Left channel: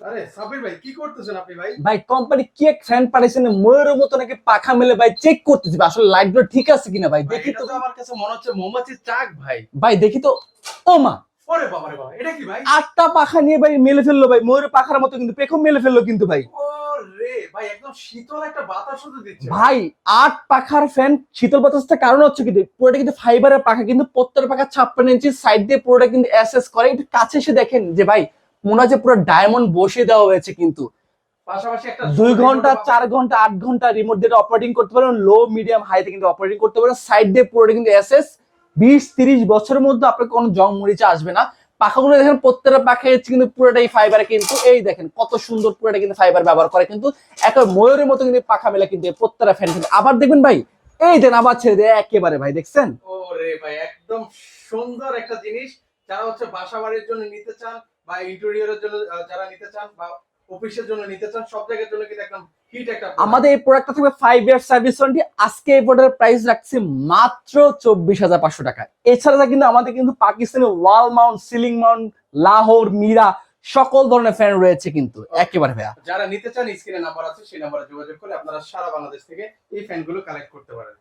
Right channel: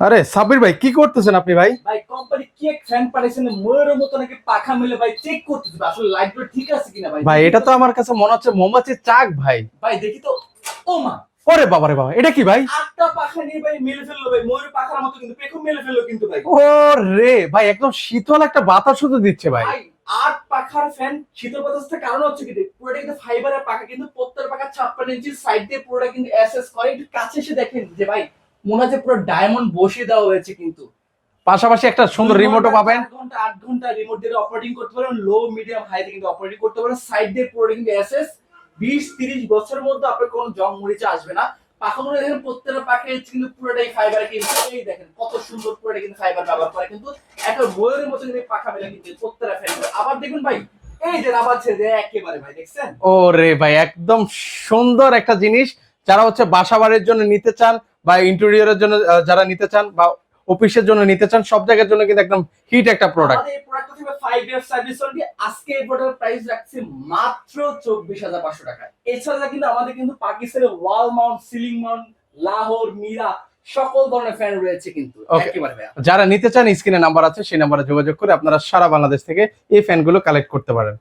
আরে সাবির ভাই কি করতেছেন আপনি ভাই? ভাই কোম্পানি কি এক ফ্যান পাঠাইছেন ময়ূরের মতো নাকি পাখা মেলে ভাই চেক করতেছি ভাই, আসলে লাইট ঠিক আছে কিনা ভাই? ভাই এটা তো আমার কাছে মনে হচ্ছে মোমবাতির চাক ভাই। ভাই দেখি তো ও মা। ওরে বাবারে বাবা এটা কি ভাই? আটটা পাখা নিয়ে ভাই মেলে ফেলল ভাই ময়ূরের পাখার মতো কিন্তু পেখম মেলে ফেলল কিন্তু ভাই। ও রে ভাই একদম শীতল একটা বাতাস শুধু দিচ্ছে ভাই। ভাই আট পাখার ফ্যান শীতল বাতাসটা কারণ হচ্ছে কি পুরোটা কিন্তু ফাইবারের পাখা কিন্তু প্রত্যেক পাখা ছাপ্পান্ন ইঞ্চি সাইড দিয়ে পুরোটা কিন্তু অ্যাসেস করে একটু কাছে এসে দেখেন যে ভাই মনে যে পুরো ডায়মন্ড বসে দেওয়া হয়েছে কিন্তু। পাশাপাশি একটা সুন্দর রিমোটও পাবেন। চার ঘণ্টা আট ঘণ্টা রিমোট দিয়ে অপারেটিং করতে পারেন। লো মিডিয়াম হাইতে কিন্তু অপারেটিং করতে পারেন। সাইড দিয়ে পুরোটা কিন্তু এসএস বিশ তিরিশ বছরের মধ্যে আপনার কোনো জং মরিচা আসবে না। পাখাগুলো দেখেন প্রত্যেকটা পাখা হচ্ছে কিন্তু পুরোটাই ফাইবার কিন্তু এই দেখেন কত সুন্দর পুরোটা কিন্তু ফাইবার ব্যবহার করে কিন্তু একটা ময়ূরের মতো কিন্তু পাখা মেলা কিন্তু প্রত্যেকটা ফ্যান কিন্তু। আবার দেখবেন ভাই এই দেন আবার ছেড়ে দেয় একেবারে ভাই দেখছেন? ও রে ভাই একদম সুন্দর একটা জিনিস। যারা হচ্ছে বাসা বাড়ির জন্য নিতে চান বা ইন্টেরিয়রের জন্য যারা নিতে চান বা অফিসের জন্য নিতে চান সব জায়গার জন্য কিন্তু একদম হিট একটা প্রোডাক্ট আমাদের এই প্রোডাক্টটা থাকবে ফাইভ ইয়ার সার্ভিস ওয়ারেন্টি আজকে এই প্রোডাক্টের প্রাইস রাখছি মাত্র চব্বিশ হাজার পাঁচশো টাকা। এছাড়া কিন্তু আমাদের কিন্তু Pakistani wall mount ceiling mount Lahore Mira সকল ধরনের ফ্যান রয়েছে কিন্তু। একেবারে ভাইয়া। যারা নিতে চান স্ক্রিনে নাম্বার আছে সেই নাম্বারে যোগাযোগ করে আপনারা সারা বাংলাদেশ থেকে এই ফ্যানগুলো কালেক্ট করতে পারেন।